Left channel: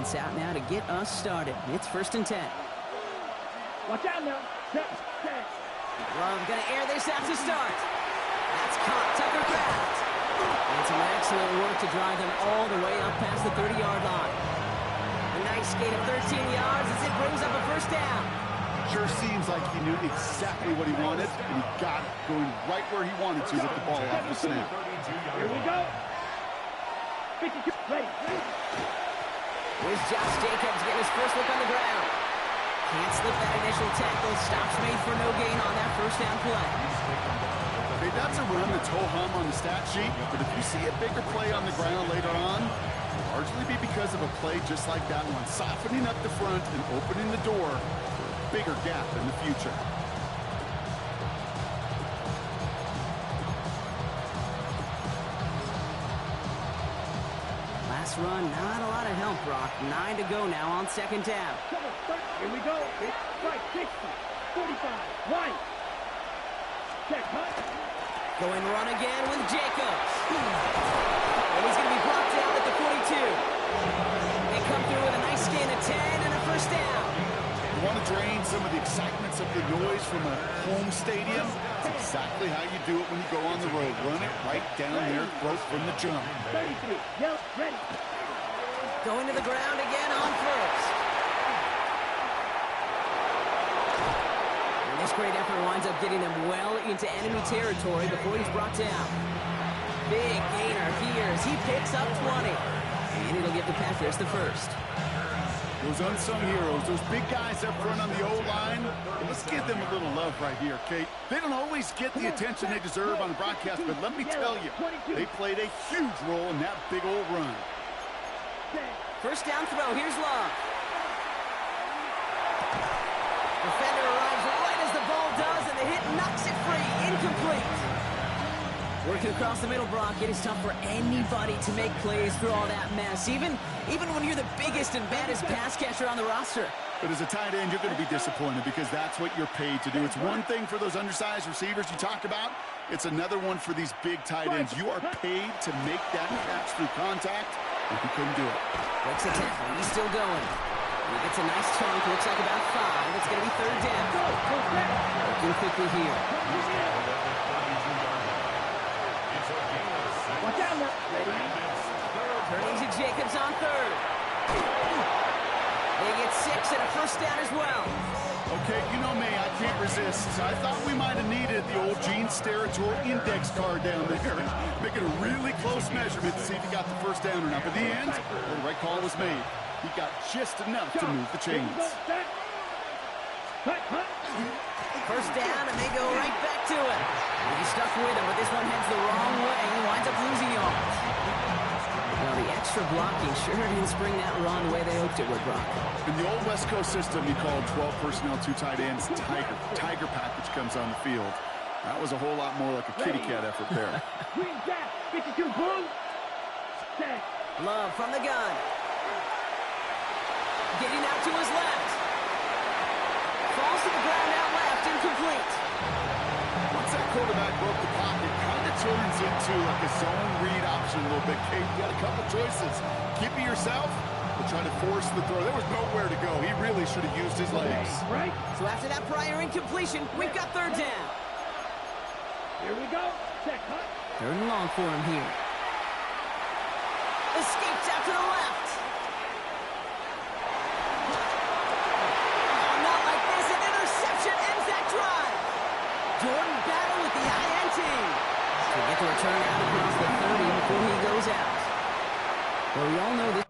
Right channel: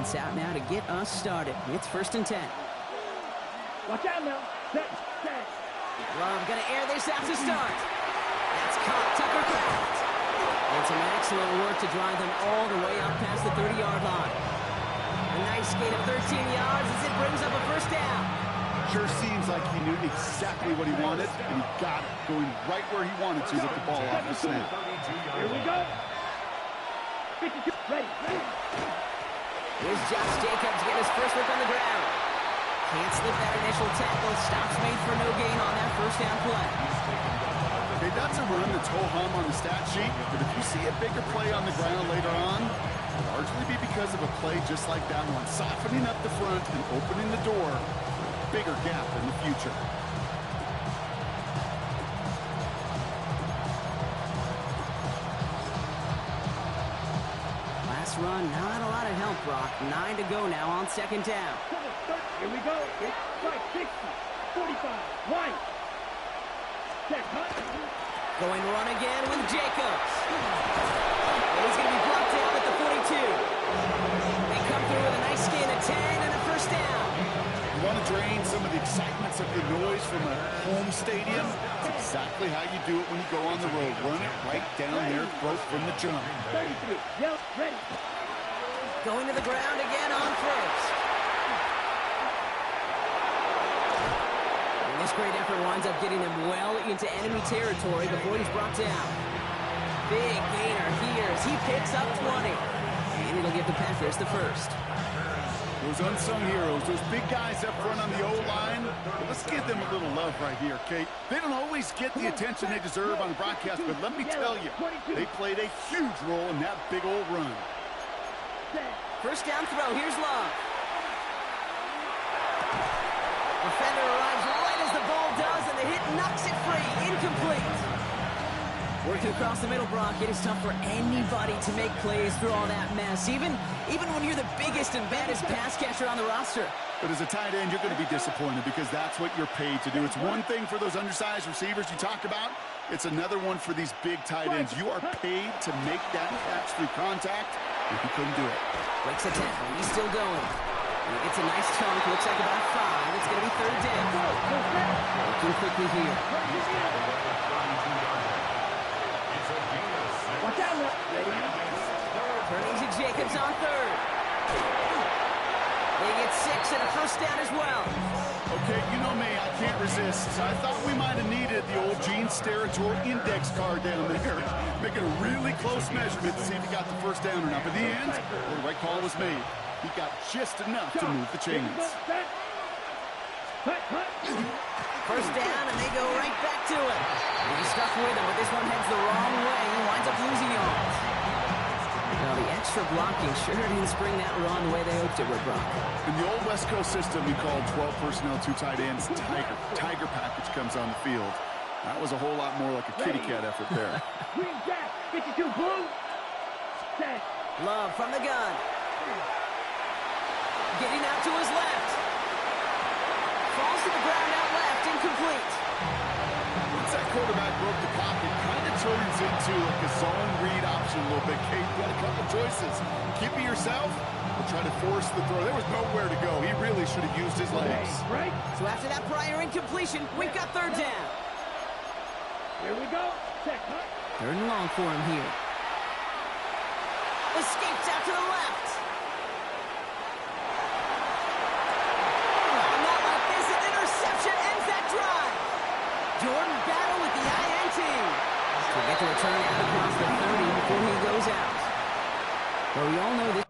defense out now to get us started. It's 1st and 10. Watch out now. Set. Love gonna air this out to start. That's caught. Tucker Kraft. And some excellent work to drive them all the way up past the 30-yard line. A nice gain of 13 yards as it brings up a 1st down. Sure seems like he knew exactly what he wanted, and he got it, going right where he wanted to with the ball off the snap. Here we go. 52. Ready. Here's Josh Jacobs getting his first look on the ground. Can't slip that initial tackle. Stops made for no gain on that 1st down play. Hey, that's a run that's ho-hum on the stat sheet, but if you see a bigger play on the ground later on, it'll largely be because of a play just like that one, softening up the front and opening the door for a bigger gap in the future. Last run, not a lot of help, Brock. 9 to go now on 2nd down. Here we go. Right, 60, 45, right. Check, hunt. Going run again with Jacobs. And he's going to be brought down at the 42. They come through with a nice gain of 10 and a 1st down. You want to drain some of the excitements of the noise from a home stadium? It's exactly how you do it when you go on the road. Run it right down their throat from the jump. 33, yell, ready. Going to the ground again on 1st. And this great effort winds up getting them well into enemy territory before he's brought down. Big gainer here as he picks up 20. And it'll give the Panthers the 1st. Those unsung heroes, those big guys up front on the O-line, let's give them a little love right here, Kate. They don't always get the attention they deserve on the broadcast, but let me tell you, they played a huge role in that big old run. 1st down throw, here's Love. Defender arrives right as the ball does, and the hit knocks it free, incomplete. Working across the middle, Brock, it is tough for anybody to make plays through all that mess, even when you're the biggest and baddest pass catcher on the roster. But as a tight end, you're going to be disappointed because that's what you're paid to do. It's one thing for those undersized receivers you talk about. It's another one for these big tight ends. You are paid to make that catch through contact, and he couldn't do it. Breaks the tackle. He's still going. And he gets a nice chunk. Looks like about 5. It's going to be 3rd down. Working quickly here. Watch out now. Ready. Turning to Jacobs on 3rd. They get 6 and a 1st down as well. Okay, you know me, I can't resist. I thought we might have needed the old Gene Steratore index card down there. Making a really close measurement to see if he got the 1st down or not. But in the end, well, the right call was made. He got just enough to move the chains. 1st down, and they go right back to it. He's stuck with him, but this one heads the wrong way. He winds up losing yards. Well, the extra blocking sure didn't spring that run the way they hoped it would, Brock. In the old West Coast system, you called 12 personnel, 2 tight ends, Tiger. Tiger package comes on the field. That was a whole lot more like a kitty cat effort there. Green Jack, 52 blue. Set. Love from the gun. Getting out to his left. Falls to the ground out left, incomplete. Once that quarterback broke the pocket, kind of turns into like a zone read option a little bit. Kate, you got a couple choices. Keep it yourself or try to force the throw. There was nowhere to go. He really should have used his legs. Right. So after that prior incompletion, we've got 3rd down. Here we go. Check, hunt. 3rd and long for him here. Escapes out to the left. Oh, not like this. An interception ends that drive. Jordan Battle with the INT. So we get the return out across the 30 before he goes out. Well, we all know this.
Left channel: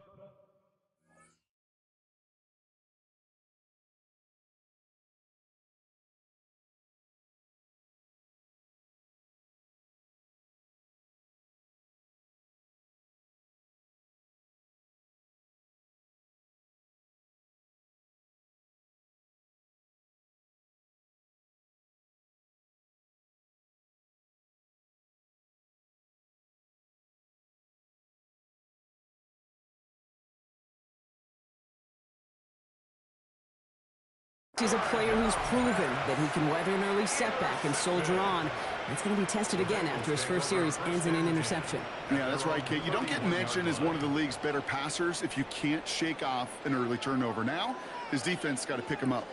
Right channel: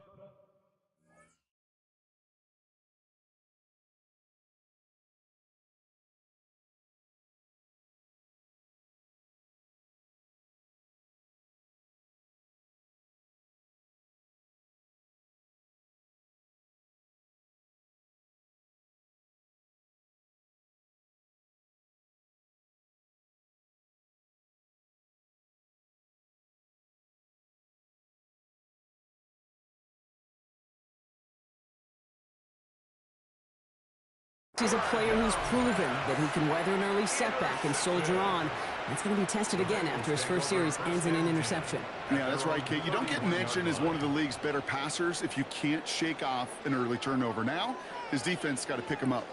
He's a player who's proven that he can weather an early setback and soldier on. That's going to be tested again after his first series ends in an interception. Yeah, that's right, Kate. You don't get mentioned as one of the league's better passers if you can't shake off an early turnover. Now, his defense got to pick him up.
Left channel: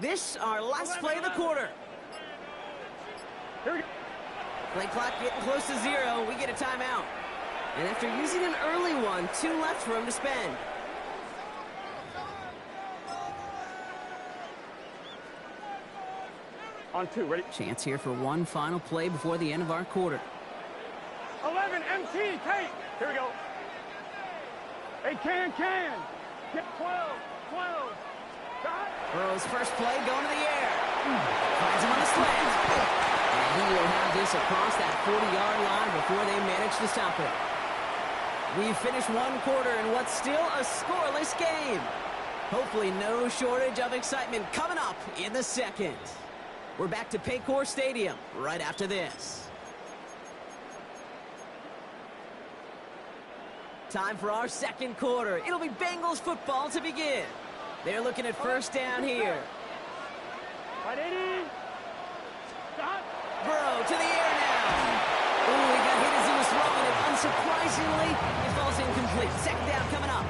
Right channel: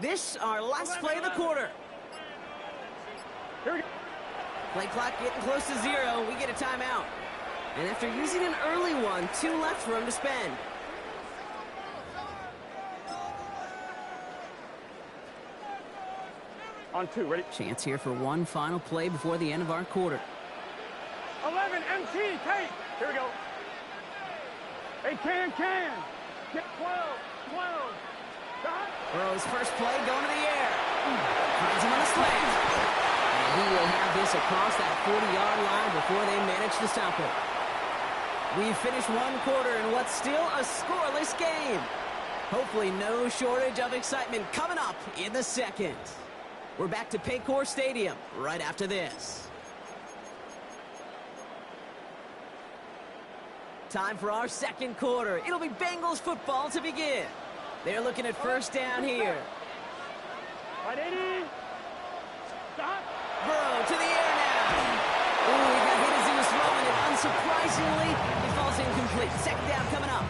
This, our last play of the quarter. Here we go. Play clock getting close to 0. We get a timeout. And after using an early one, 2 left for him to spend. On 2, ready? Chance here for one final play before the end of our quarter. 11, MT, take. Here we go. Hey, can. Get 12. Stop. Burrow's first play going to the air. Finds him on the slant. And he will have this across that 40-yard line before they manage to stop it. We've finished one quarter in what's still a scoreless game. Hopefully no shortage of excitement coming up in the second. We're back to Paycor Stadium right after this. Time for our second quarter. It'll be Bengals football to begin. They're looking at first down here. Right, 80. Stop. Burrow to the air now. Ooh, he got hit as he was throwing it. Unsurprisingly, it falls incomplete. Second down coming up.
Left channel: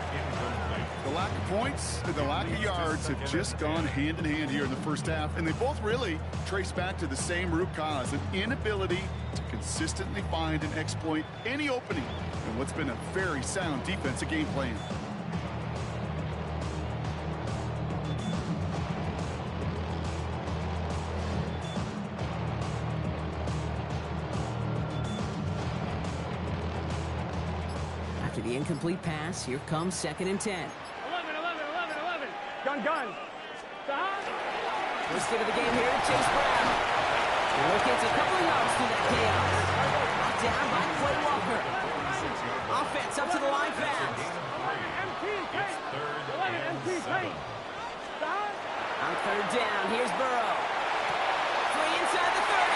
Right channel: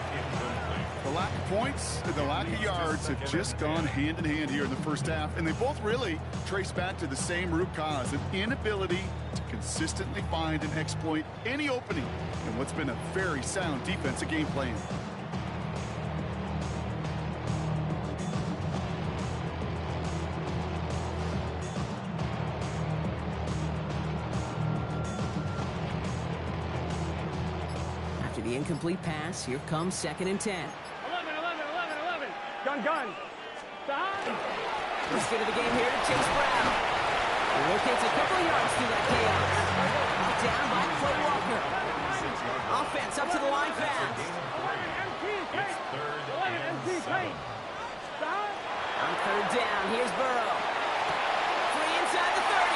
The lack of points and the lack of yards have just gone hand in hand here in the first half, and they both really trace back to the same root cause, an inability to consistently find and exploit any opening in what's been a very sound defensive game plan. After the incomplete pass, here comes 2nd and 10. 11. Gun. Stop. First hit of the game here to Chase Brown. He locates a couple of yards through that chaos. Brought down by Quay Walker. Offense up to the line fast. 11 MT, take. Stop. On third down, here's Burrow. Free inside the 30.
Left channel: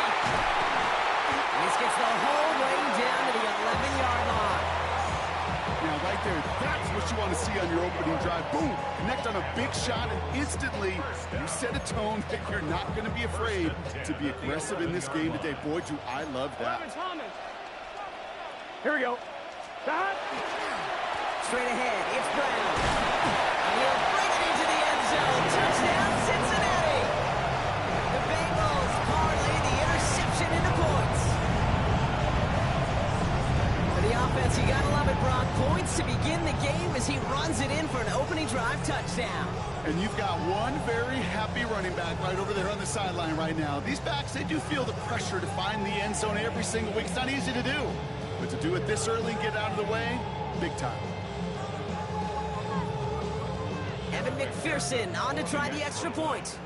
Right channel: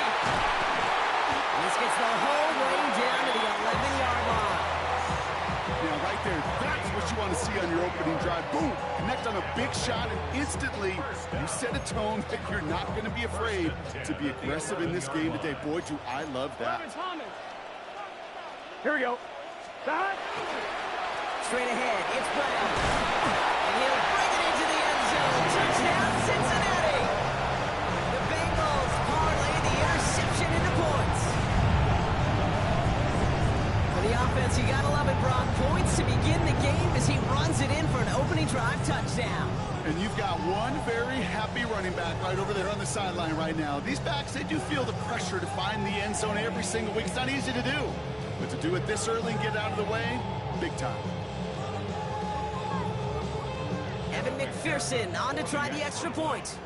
And this gets the whole way down to the 11-yard line. Now, right there, that's what you want to see on your opening drive. Boom! Connect on a big shot, and instantly you set a tone that you're not going to be afraid to be aggressive in this game today. Boy, do I love that. Here we go. Stop. Straight ahead, it's Brown. And he'll bring it into the end zone. Touchdown, Cincinnati! The Bengals parlay the interception into points. For the offense, you gotta love it, Brock. Points to begin the game as he runs it in for an opening drive touchdown. And you've got one very happy running back right over there on the sideline right now. These backs, they do feel the pressure to find the end zone every single week. It's not easy to do. But to do it this early and get out of the way, big time. Evan McPherson on to try the extra point.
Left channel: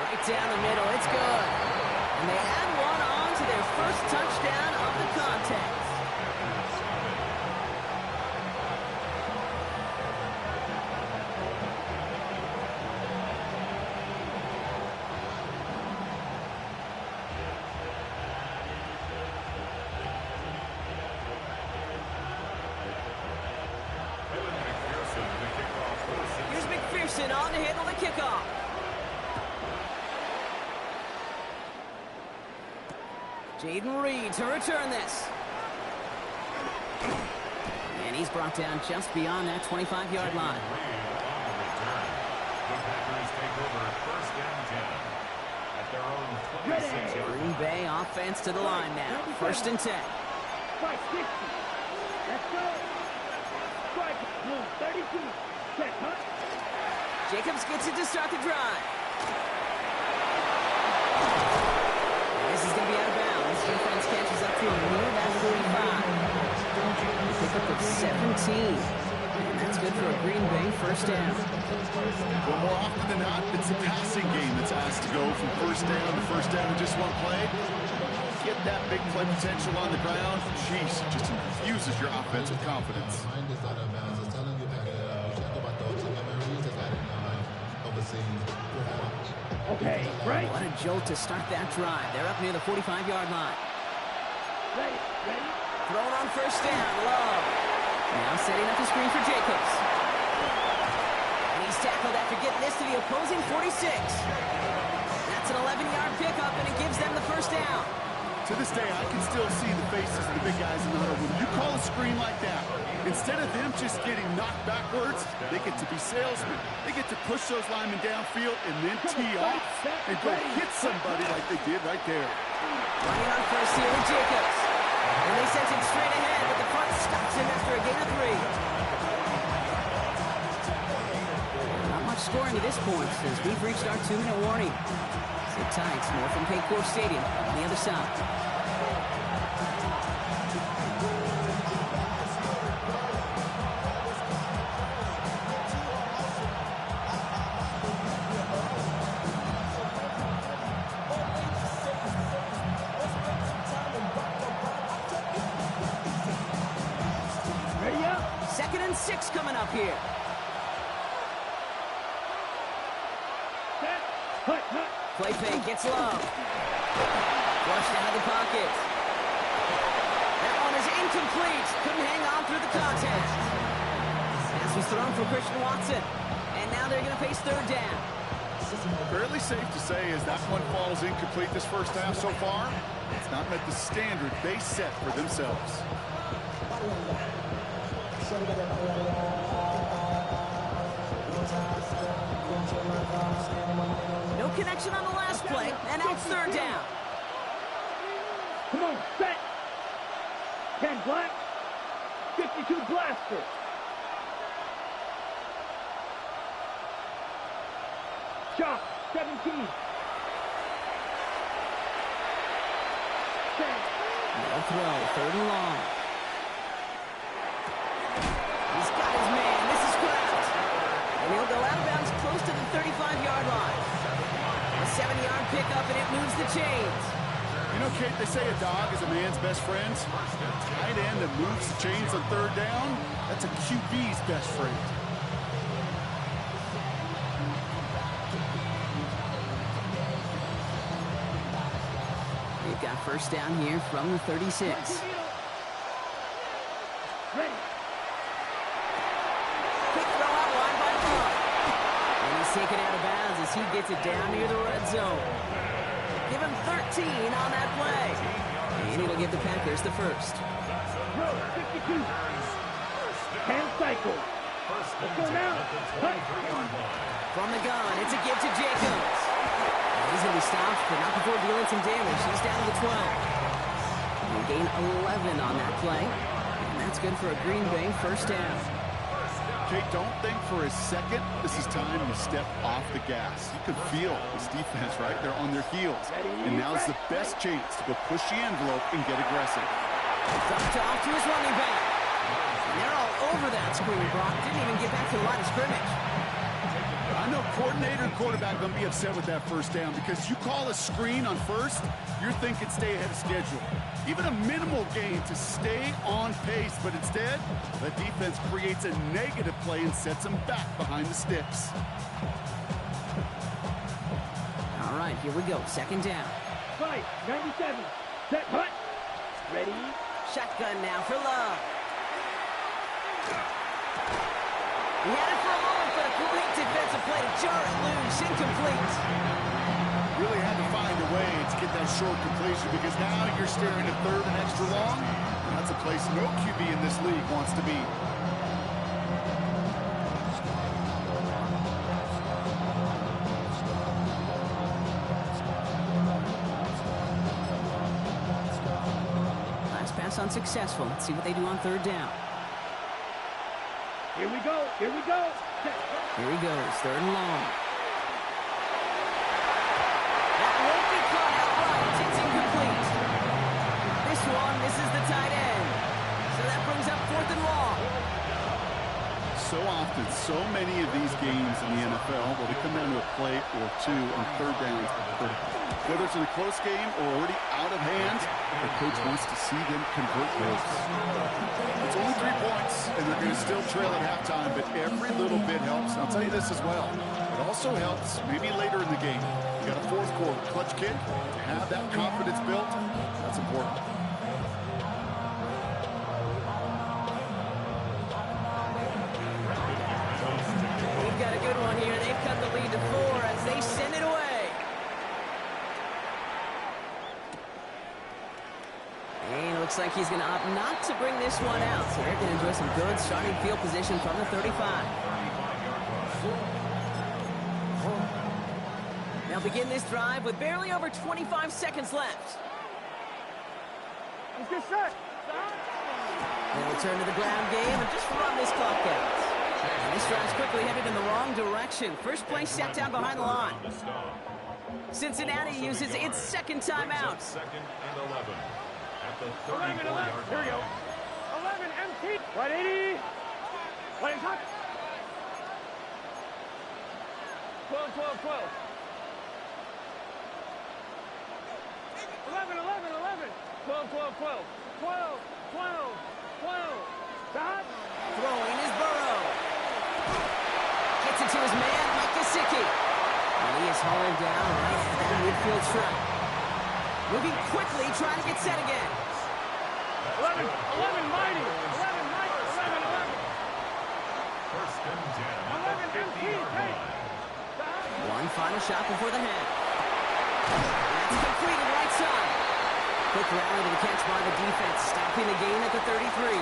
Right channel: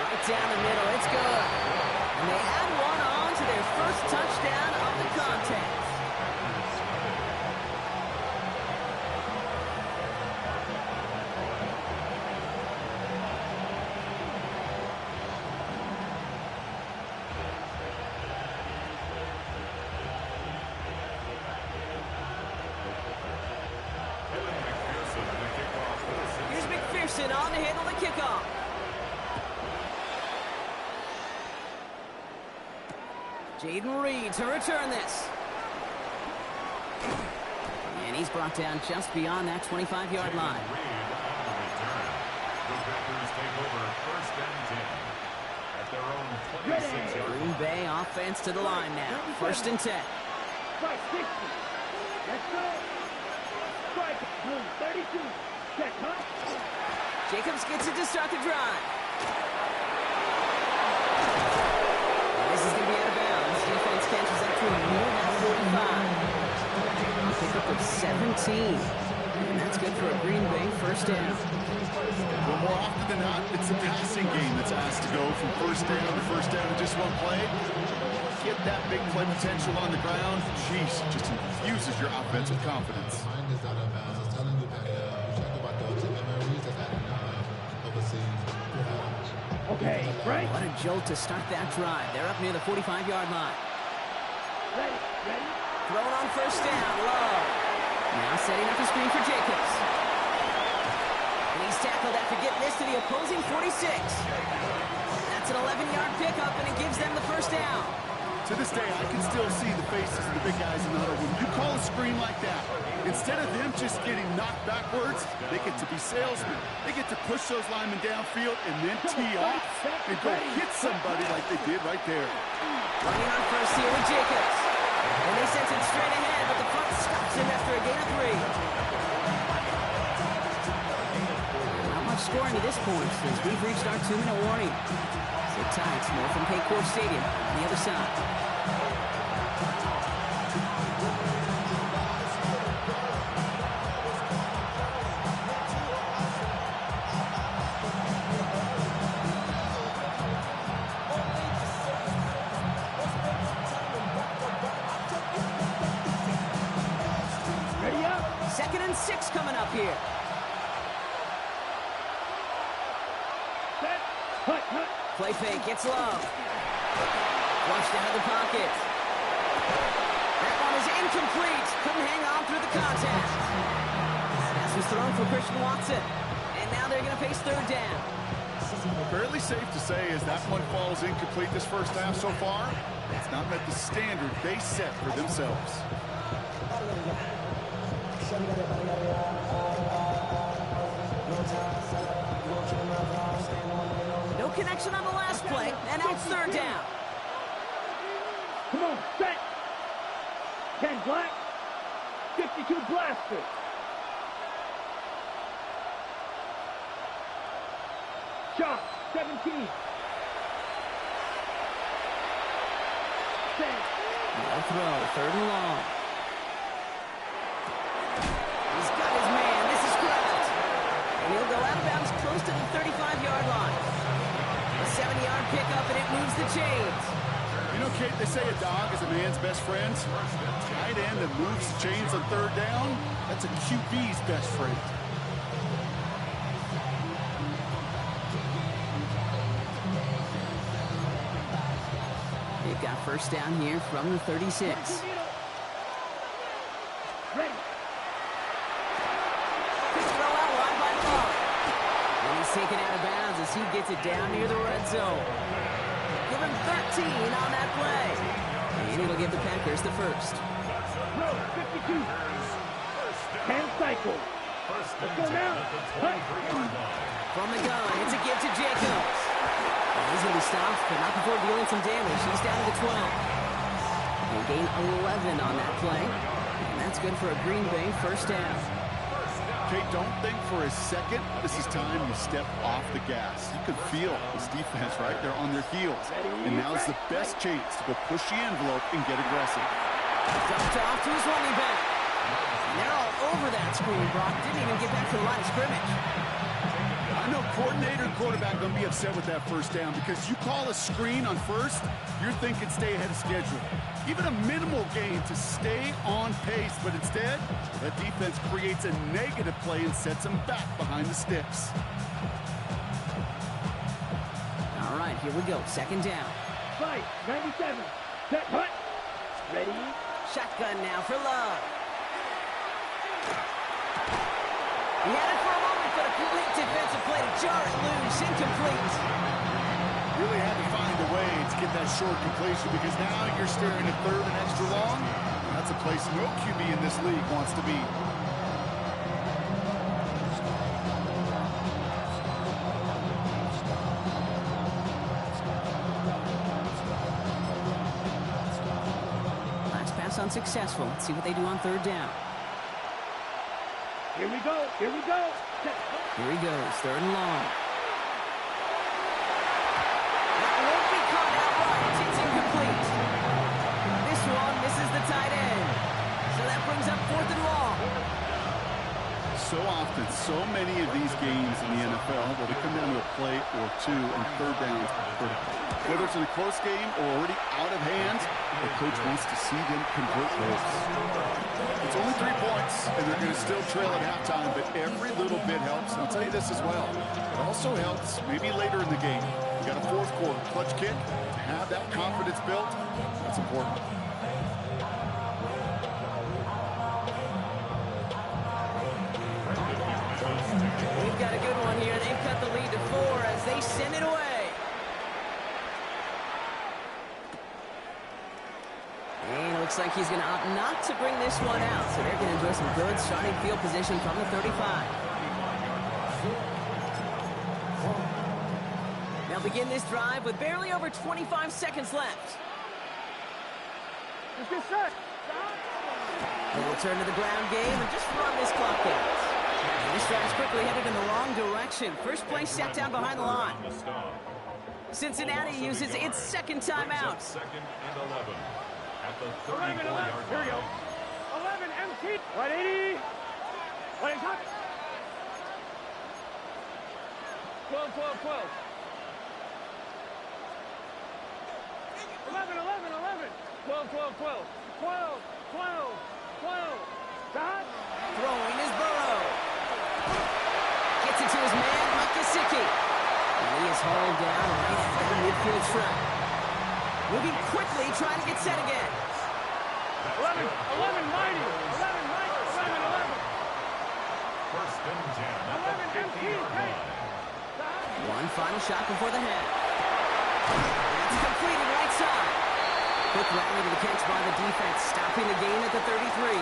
Right down the middle, it's good. And they add one on to their first touchdown of the contest. Here's McPherson on to handle the kickoff. Jaden Reed to return this. And he's brought down just beyond that 25-yard line. Reed on the return. The Packers take over first and 10 at their own 26-yard line. Green Bay offense to the line now. First and 10. Strike 60. Let's go. Strike. Boom. 32. Set. Huh? Jacobs gets it to start the drive. And this is going to be out of bounds. Defense catches up to him near that 45. A pickup of 17. And that's good for a Green Bay first down. Well, more often than not, it's the passing game that's asked to go from first down to first down in just one play. Get that big play potential on the ground. Jeez, just infuses your offense with confidence. Okay, right. What a jolt to start that drive. They're up near the 45-yard line. Ready, ready. Thrown on first down, low. Now setting up a screen for Jacobs. And he's tackled after getting this to the opposing 46. That's an 11-yard pickup, and it gives them the first down. To this day, I can still see the faces of the big guys in the huddle. When you call a screen like that, instead of them just getting knocked backwards, they get to be salesmen. They get to push those linemen downfield and then tee off and go hit somebody like they did right there. Running on first here with Jacobs. And they sent him straight ahead, but the front stops him after a gain of 3. Not much scoring to this point since we've reached our 2-minute warning. Sit tight, more from Paycor Stadium on the other side. Ready up. 2nd and 6 coming up here. Set. Hut, hut. Play fake, gets low. Flushed out of the pocket. That one is incomplete. Couldn't hang on through the contact. Pass was thrown for Christian Watson. And now they're going to face 3rd down. Fairly safe to say as that one falls incomplete this first half so far, it's not met the standard they set for themselves. No connection on the last play, and now it's 3rd down. Come on, set. 10 black. 52 blaster. Shot. 17. Set. No throw, 3rd and long. He's got his man. This is Kraft. And he'll go out of bounds close to the 35-yard line. A 7-yard pickup, and it moves the chains. You know, Kate, they say a dog is a man's best friend. A tight end that moves the chains on 3rd down, that's a QB's best friend. They've got first down here from the 36. Ready. Quick throw out wide by Love. And he's taken out of bounds as he gets it down near the red zone. Give him 13 on that play. And it'll give the Packers the first. Throw. 52. 10 cycle. Let's go now. Hut. From the gun, it's a give to Jacobs. And he's going to be stopped, but not before dealing some damage. He's down to the 12. They gain 11 on that play. And that's good for a Green Bay first down. Kate, don't think for a second this is time you step off the gas. You could feel this defense, right? They're on their heels. And now's the best chance to go push the envelope and get aggressive. Dumped off to his running back. And they're all over that screen. Brock didn't even get back to the line of scrimmage. I know coordinator and quarterback going to be upset with that first down because you call a screen on first, you're thinking stay ahead of schedule. Even a minimal gain to stay on pace, but instead, that defense creates a negative play and sets them back behind the sticks. All right, here we go. 2nd down. Fight. 97. Set. Hut. Ready. Shotgun now for Love. He had it for a moment, but a great defensive play to jar it loose. Incomplete. Really had to find a way to get that short completion because now you're staring at 3rd and extra long. That's a place no QB in this league wants to be. Last pass unsuccessful. Let's see what they do on 3rd down. Here we go. Here we go. Set. Here he goes. 3rd and long. That won't be caught outright. It's incomplete. This one misses the tight end. So that brings up 4th and long. So often, so many of these games in the NFL, well, they come down to a play or two and third downs. Whether it's in a close game or already out of hand, the coach wants to see them convert those. It's only 3 points, and they're going to still trail at halftime, but every little bit helps. And I'll tell you this as well. It also helps maybe later in the game. You got a fourth quarter clutch kick. To have that confidence built, that's important. We've got a good one here. They've cut the lead to 4 as they send it away. And it looks like he's going to opt not to bring this one out. So they're going to enjoy some good starting field position from the 35. They'll begin this drive with barely over 25 seconds left. Let's get set. They'll return to the ground game and just run this clock out. And this drive's quickly headed in the wrong direction. First play set down behind the line. Cincinnati uses its second timeout. Second and 11 at the 11, 11. 34-yard Here we go. line. 11, empty. Right 80. Right hot. 12, 12, 12. 11, 11, 11. 12, 12, 12. 12, 12, 12. Dot. Throwing is Burrow. Gets it to his man, Mike Gesicki. And he is hauled down right at that midfield stripe. Moving quickly, trying to get set again. 11, 11, mighty. 11, Mike. 11, 11. First and 10 at 11, the empty. 50-yard Take. line. Dot. One final shot before the half. That's completed right side. Quick rally to the catch by the defense, stopping the gain at the 33.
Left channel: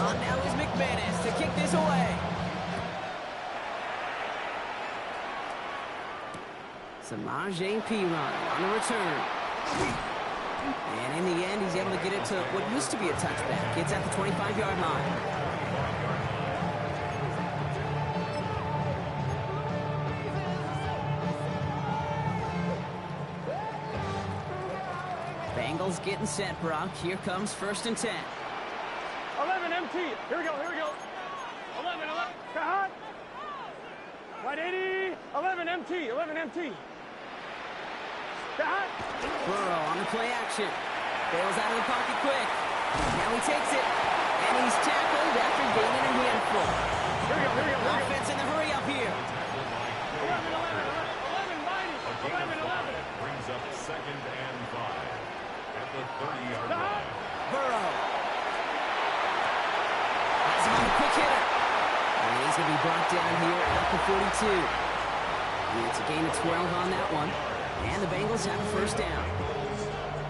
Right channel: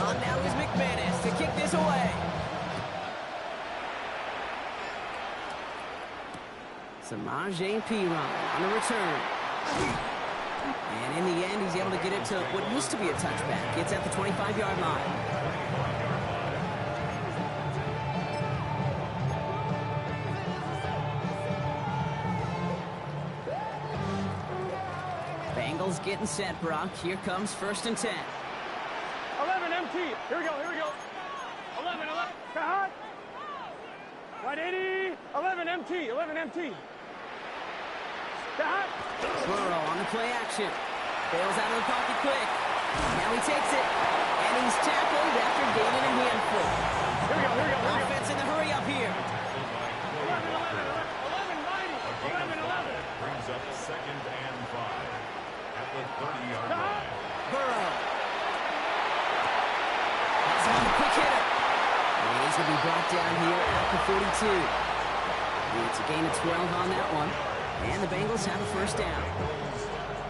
On now is McManus to kick this away. Samaje Perine on the return. And in the end, he's able to get it to what used to be a touchback. It's at the 25-yard line. Bengals getting set, Brock. Here comes first and 10. 11, empty. Here we go, here we go. 11, 11. Hot. Right 80. 11, empty. 11, empty. Hot. Burrow on the play action. Bails out of the pocket quick. Now he takes it. And he's tackled after gaining a handful. Here we go, here we go, here we go. Offense in the hurry up here. 11, 11, 11, mighty. 11, 11. Brings up second and 5 at the 30-yard line. Burrow. Has him on the quick hitter. And he's going to be brought down here at the 42. It's a gain of 12 on that one. And the Bengals have a first down.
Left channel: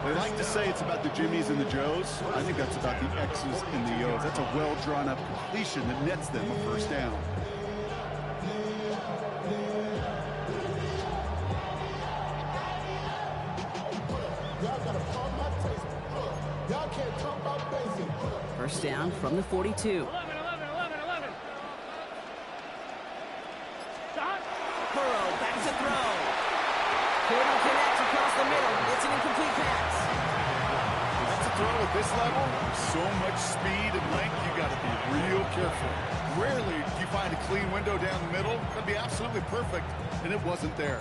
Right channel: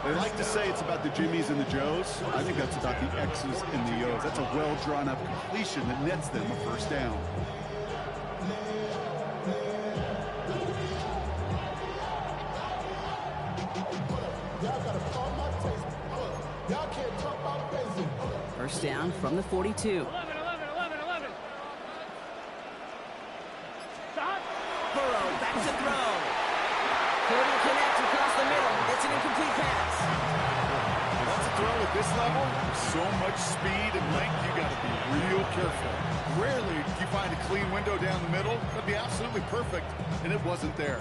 They like to say it's about the Jimmies and the Joes. I think that's about the X's and the O's. That's a well-drawn-up completion that nets them a first down. First down from the 42. 11, 11, 11, 11. Hot. Burrow back to throw. Couldn't connect across the middle. It's an incomplete pass. That's a throw at this level. So much speed and length, you got to be real careful. Rarely do you find a clean window down the middle. That'd be absolutely perfect, and it wasn't there.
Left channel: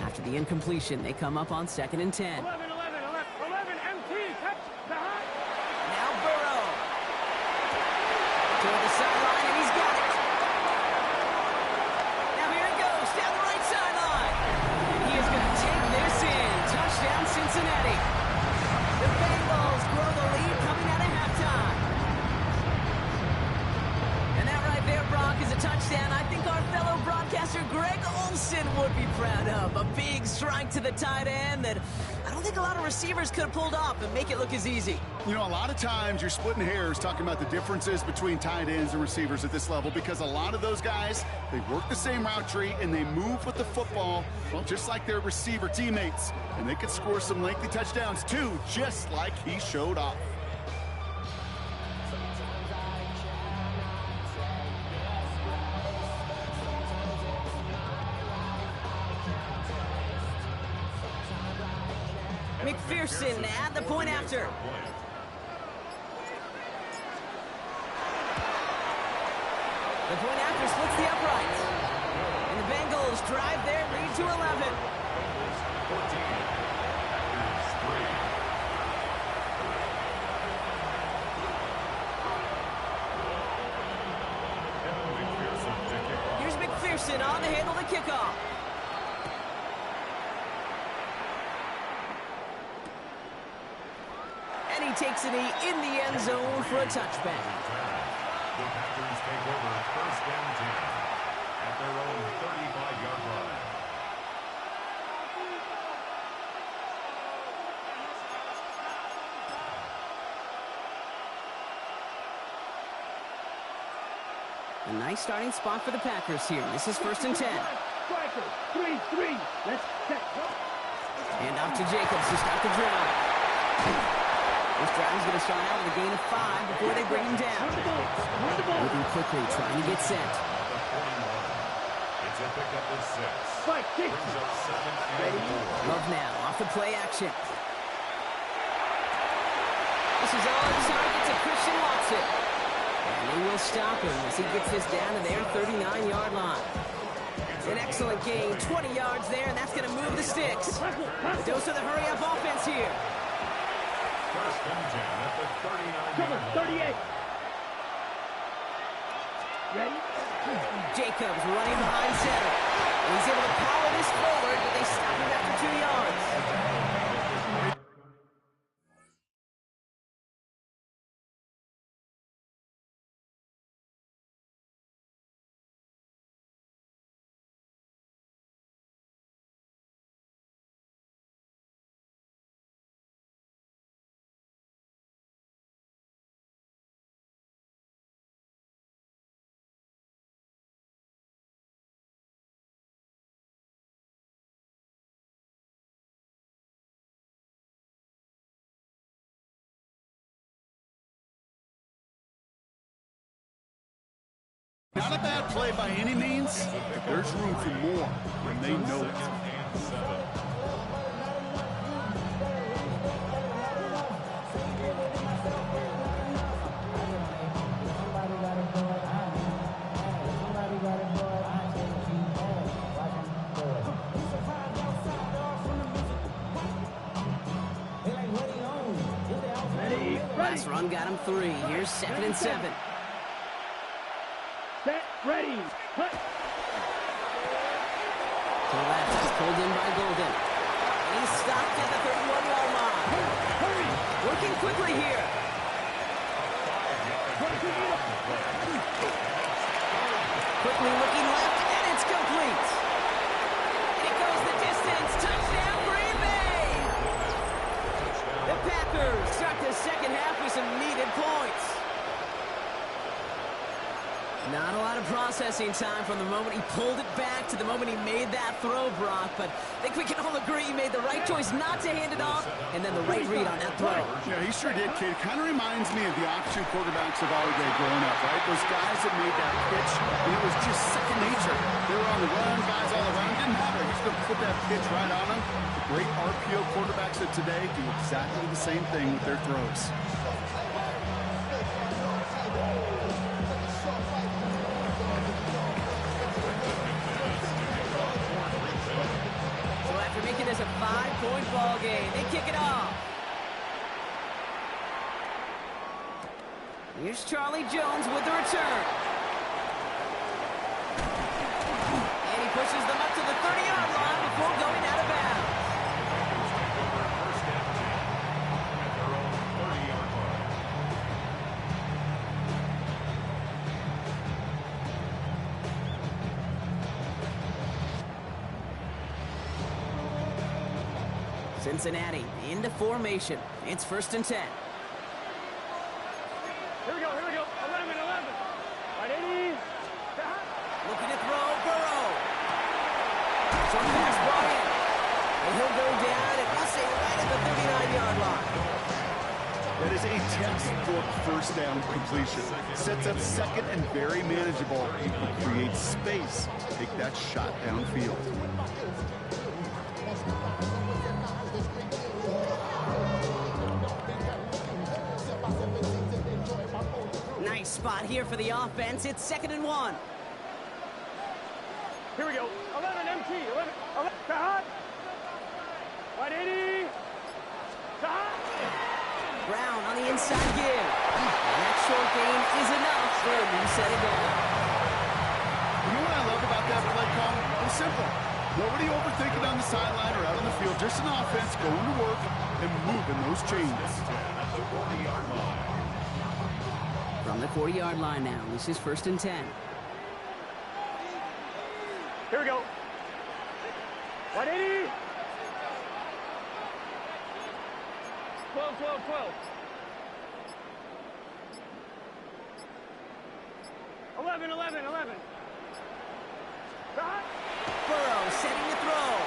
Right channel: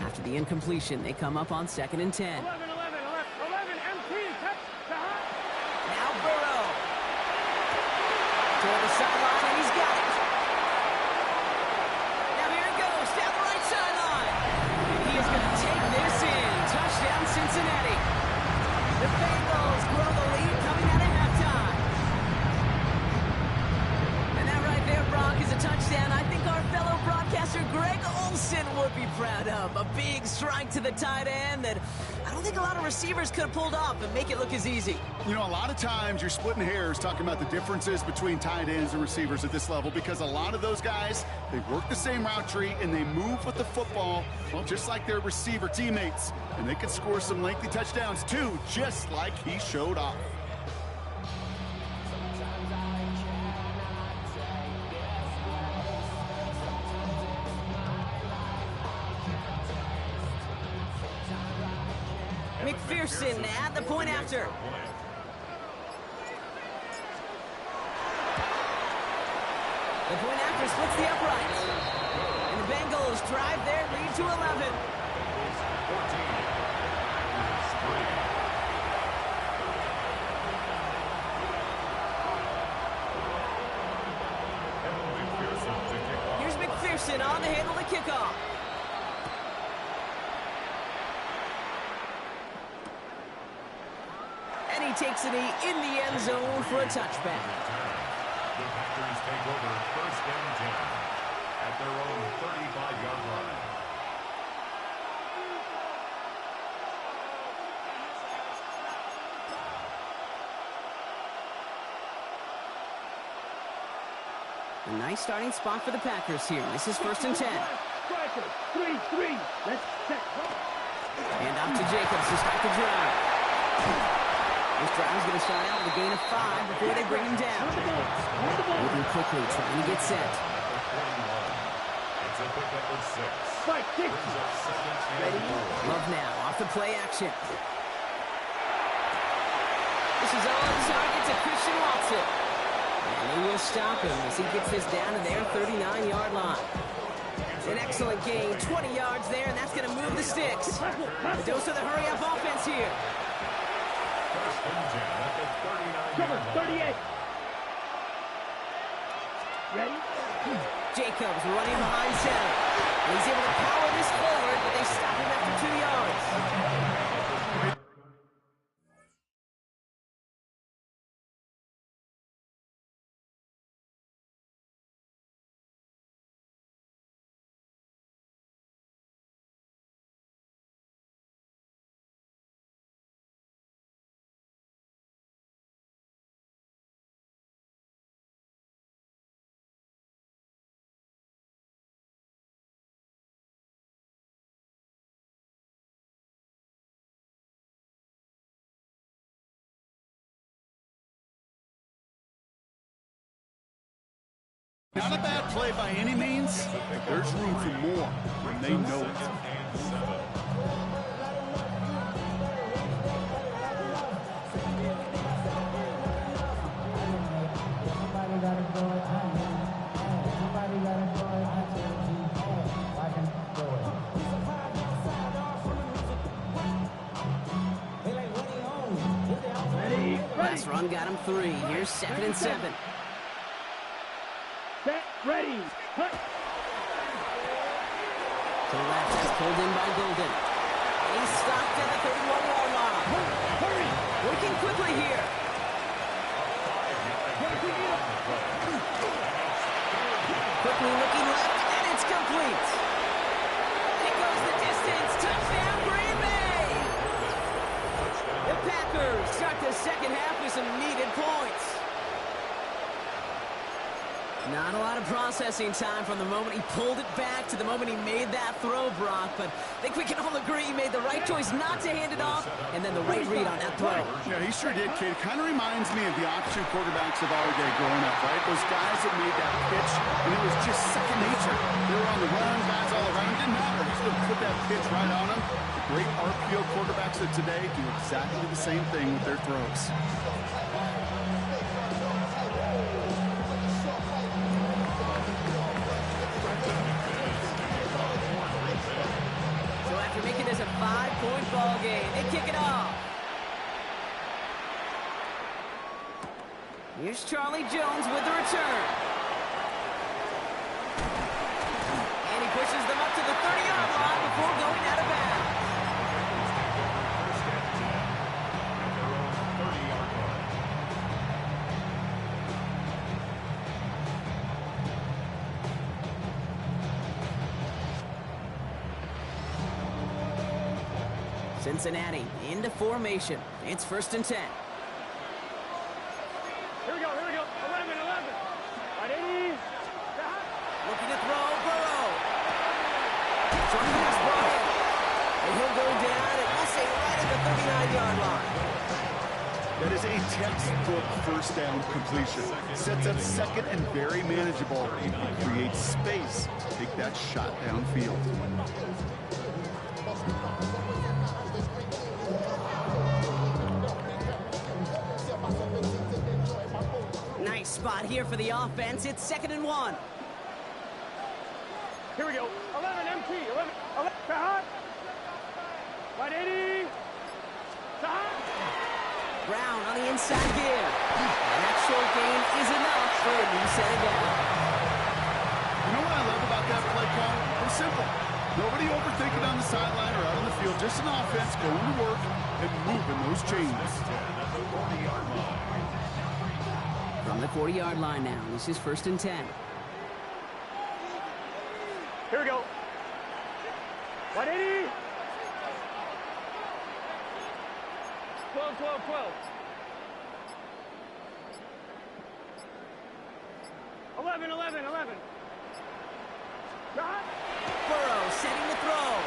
After the incompletion, they come up on second and 10. 11, 11, 11, 11, empty. Touch. Hot. Now Burrow. Toward the sideline, and he's got it. Now here it goes, down the right sideline. And he is going to take this in. Touchdown, Cincinnati. The Bengals grow the lead coming out of halftime. And that right there, Brock, is a touchdown. I think our fellow broadcaster Greg Olson Wilson would be proud of. A big strike to the tight end that I don't think a lot of receivers could have pulled off and make it look as easy. You know, a lot of times you're splitting hairs talking about the differences between tight ends and receivers at this level because a lot of those guys, they work the same route tree and they move with the football, well, just like their receiver teammates. And they could score some lengthy touchdowns too, just like he showed off. McPherson at the point after. The point after splits the uprights. And the Bengals drive their lead to 11. Bengals 14, Packers 3. Evan McPherson to kick off. Here's McPherson on the handle to kickoff. And he takes it in the end zone for a touchback. The Packers take over first and 10 at their own 35-yard line. A nice starting spot for the Packers here. This is first and 10. Striker, 3-3. Let's check. And off to Jacobs to start the drive. This drive is going to start out with a gain of 5 before they bring him down. Moving quickly, trying to get set. It's a pickup of 6. Spike, Brings up second and 4. Love now, off the play action. This is on target to Christian Watson. And they will stop him as he gets this down to their 39-yard line. An excellent gain, 20 yards there, and that's going to move the sticks. A dose of the hurry-up offense here. First and 10 at the 39-yard Cover, line. 38. Ready? Jacobs running behind center. And he's able to power this forward, but they stop him after 2 yards. Not a bad play by any means, but there's room for more when they know it. And 7. Somebody got to do it. Somebody got to do it. Watch him do it. Ready? Last run got him 3. Here's second and 7. Set, ready. Hut. To the left, that's pulled in by Golden. And he's stopped at the 31-yard line. Hurry. Working quickly here. Quickly looking left, and it's complete. And it goes the distance. Touchdown, Green Bay! The Packers start the second half with some needed points. Not a lot of processing time from the moment he pulled it back to the moment he made that throw, Brock. But I think we can all agree he made the right choice not to hand it off, and then the right read on that throw. Yeah, he sure did, kid. Kind of reminds me of the offshoot quarterbacks of our day growing up, right? Those guys that made that pitch, and it was just second nature. They were on the run, guys all around. Didn't matter. He's going to put that pitch right on them. The great RPO quarterbacks of today do exactly the same thing with their throws. So after making this a 5-point ball game, they kick it off. Here's Charlie Jones with the return. And he pushes them up to the 30-yard line before going out of bounds. The Packers take over first and 10 at their own 30-yard line. Cincinnati into formation. It's 1st and 10. Here we go, 11, 11. Right, 80. Looking to throw, Burrow. Short pass brought in. And he'll go down, and we'll say right at the 39-yard line. That is a textbook first down completion. Sets up second and very manageable. It creates space. Take that shot downfield. Nice spot here for the offense. It's 2nd and 1. Here we go. 11 MT. 11. Hot. Right, 80. Hot. Brown on the inside give. And that short gain is enough for a new set of down. You know what I love about that play call? It's simple. Nobody overthinking on the sideline or out on the field. Just an offense going to work and moving those chains. At the 40-yard line. From the 40-yard line now, this is 1st and 10. Here we go. 180. 12, 12, 12. 11, 11, 11. Shot. Burrow setting to throw.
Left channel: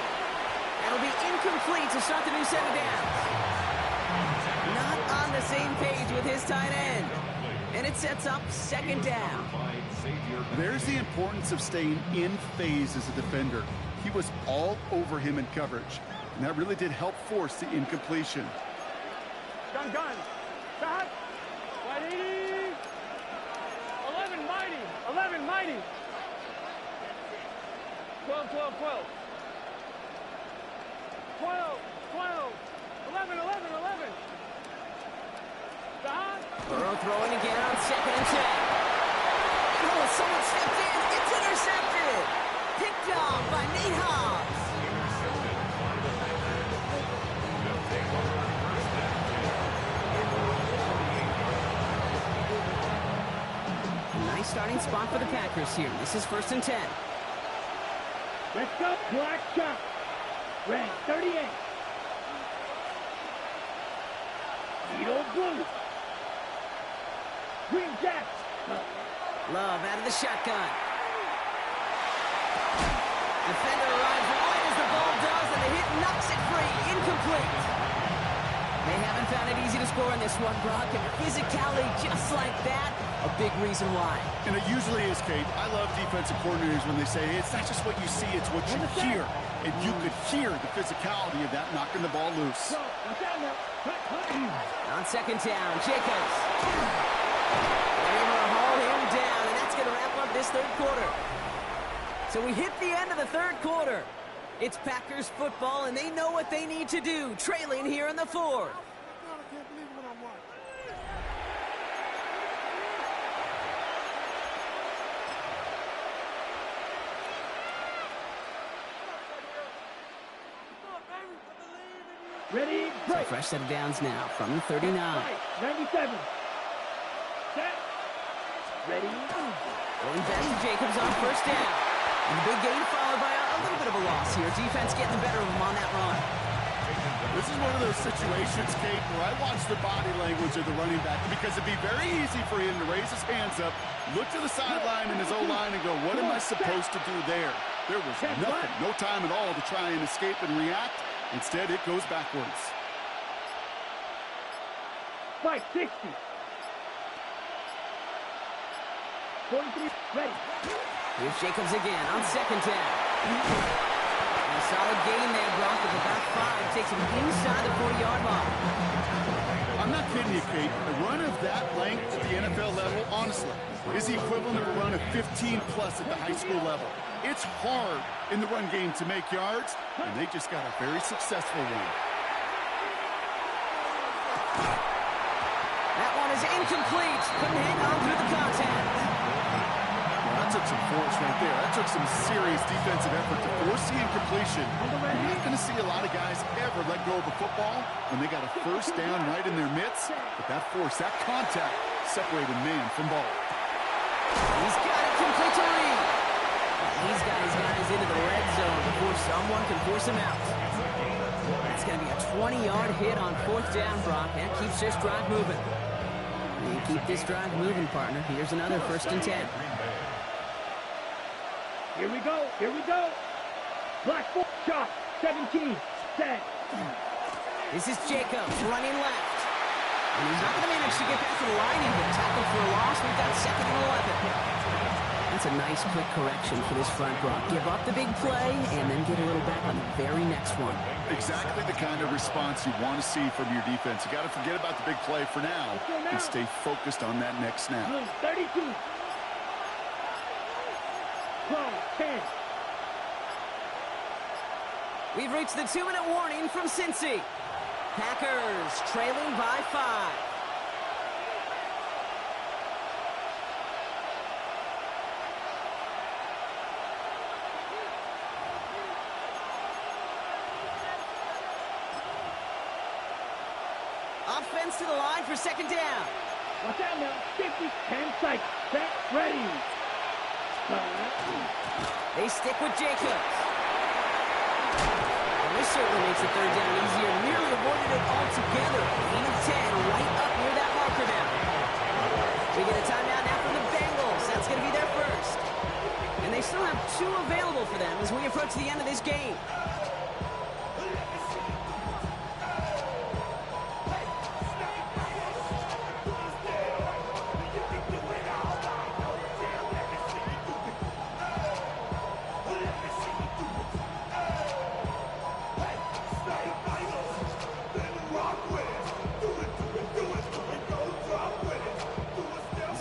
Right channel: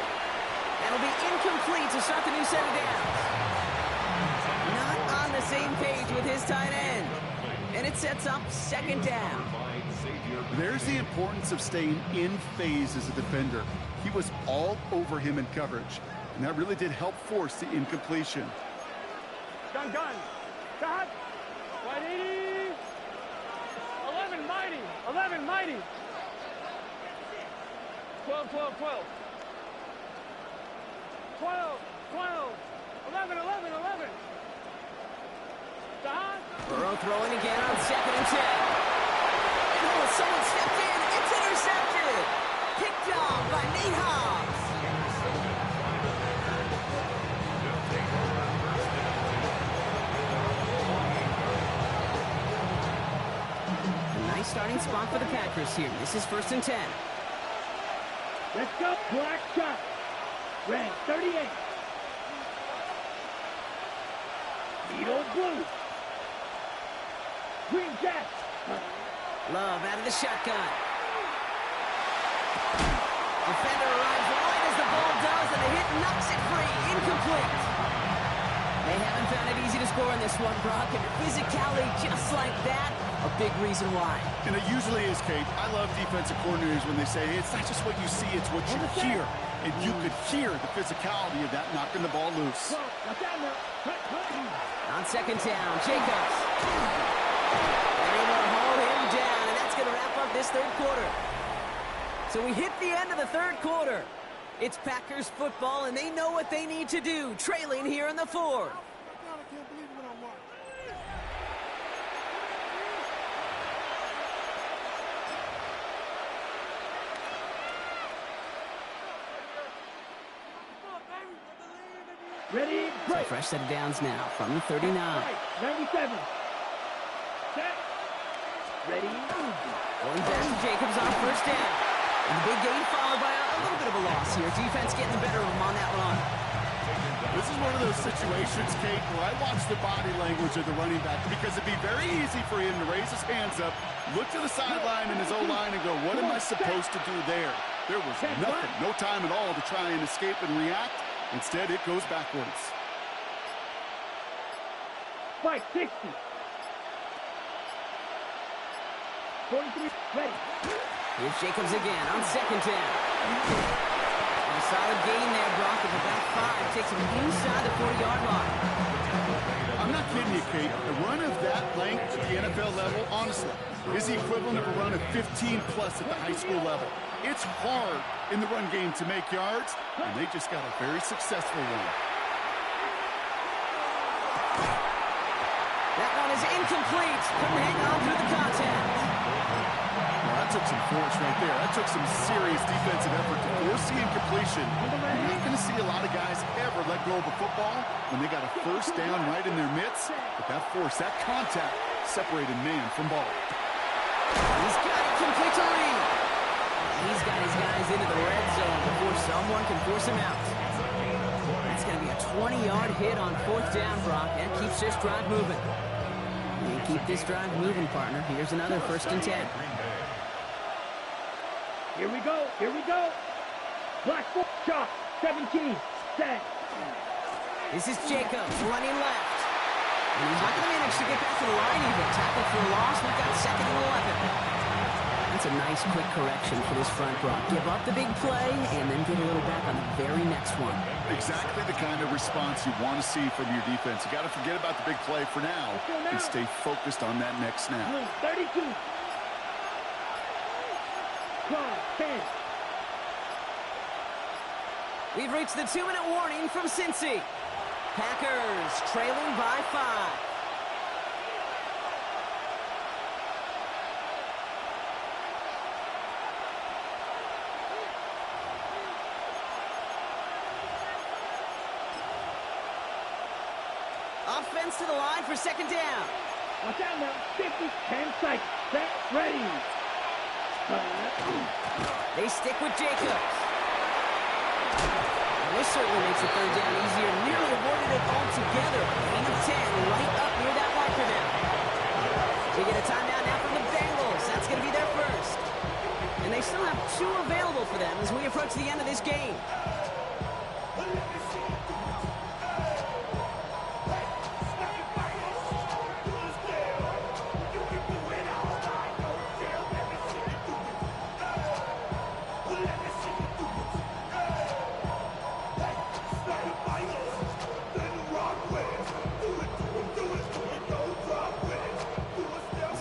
That'll be incomplete to start the new set of downs. Not on the same page with his tight end. And it sets up 2nd down. There's the importance of staying in phase as a defender. He was all over him in coverage, and that really did help force the incompletion. Gun. Shot. 180. 11, mighty. 11, mighty. 12, 12, 12. 12, 12. 11, 11, 11. Shot. Burrow throwing again on 2nd and 10. And someone stepped in. It's intercepted. Picked off by Nate Hobbs. Intercepted by the Packers. They'll take over 1st and 10. A nice starting spot for the Packers here. This is 1st and 10. Let's go. Black shot. Red 38. Needle blue. Green Jacks. Love out of the shotgun. Defender arrives right as the ball does, and the hit knocks it free. Incomplete. They haven't found it easy to score in this one, Brock, and physicality just like that, a big reason why. And it usually is, Kate. I love defensive coordinators when they say, hey, it's not just what you see, it's what you hear. And you could hear the physicality of that knocking the ball loose. On 2nd down, Jacobs. They're able to haul him down, and that's going to wrap up this 3rd quarter. So we hit the end of the 3rd quarter. It's Packers football, and they know what they need to do, trailing here in the 4th. I can't believe what I'm watching. Ready, So break. fresh set of downs now from the 39. Right, 97. Set. Ready. Going back to Jacobs on 1st down. And the big gain followed by a little bit of a loss here. Defense getting the better of him on that run. This is one of those situations, Kate, where I watch the body language of the running back because it'd be very easy for him to raise his hands up, look to the sideline and his O-line and go, what am I supposed to do there? There was nothing, no time at all to try and escape and react. Instead, it goes backwards. 560. 43. Ready. Here's Jacobs again on 2nd down. And a solid gain there, Brock, of about 5. Takes him inside the 40-yard line. I'm not kidding you, Kate. A run of that length at the NFL level, honestly, is the equivalent of a run of 15-plus at the high school level. It's hard in the run game to make yards, and they just got a very successful one. That one is incomplete. Couldn't hang on through the contact. Well, that took some force right there. That took some serious defensive effort to force the incompletion. You're not going to see a lot of guys ever let go of a football when they got a 1st down right in their midst. But that force, that contact, separated man from ball. He's got it complete to Reed. He's got his guys into the red zone before someone can force him out. That's going to be a 20-yard hit on 4th down, Brock. That keeps this drive moving. And keep this drive moving, partner. Here's another 1st and 10. Here we go. Here we go. Black 4 shot. 17. Set. This is Jacobs running left. And he's not going to manage to get back to the line even. Tackle for a loss. We've got 2nd and 11. That's a nice quick correction for this front, Brock. Give up the big play and then get a little back on the very next one. Exactly the kind of response you want to see from your defense. You got to forget about the big play for now and stay focused on that next snap. 32. 10. We've reached the 2-minute warning from Cincy. Packers trailing by 5. Offense to the line for 2nd down. Watch out now. 50. 10 seconds. Set. Ready. They stick with Jacobs. And this certainly makes the 3rd down easier. Nearly avoided it altogether. Gain of 10 right up near that marker now. We get a timeout now from the Bengals. That's going to be their first. And they still have 2 available for them as we approach the end of this game.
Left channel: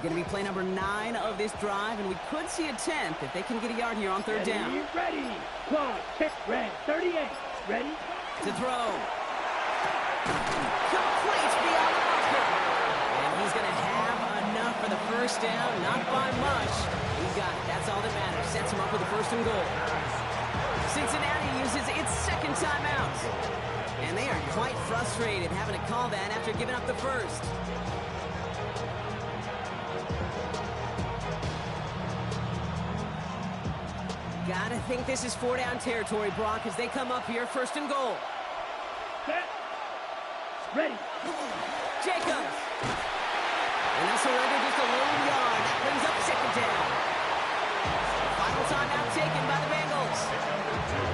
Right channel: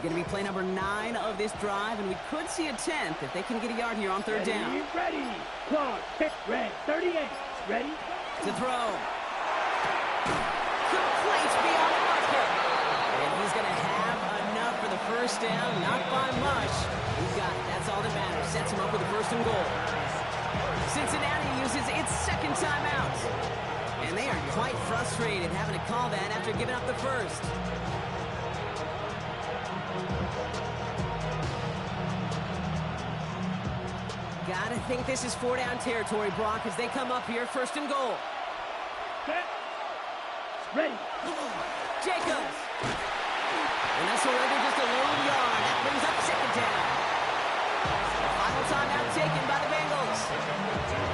Going to be play number 9 of this drive, and we could see a 10th if they can get a yard here on 3rd down. Ready. Clock. Tick. Red. 38. Ready. To throw. Complete beyond the marker. And he's going to have enough for the 1st down. Not by much. He got it. That's all that matters. Sets him up with a 1st and goal. Cincinnati uses its 2nd timeout. And they are quite frustrated having to call that after giving up the 1st. Gotta think this is 4-down territory, Brock, as they come up here, 1st and goal. Set. Ready. Jacobs. And they'll surrender just a lone yard. That brings up 2nd down. Final timeout taken by the Bengals,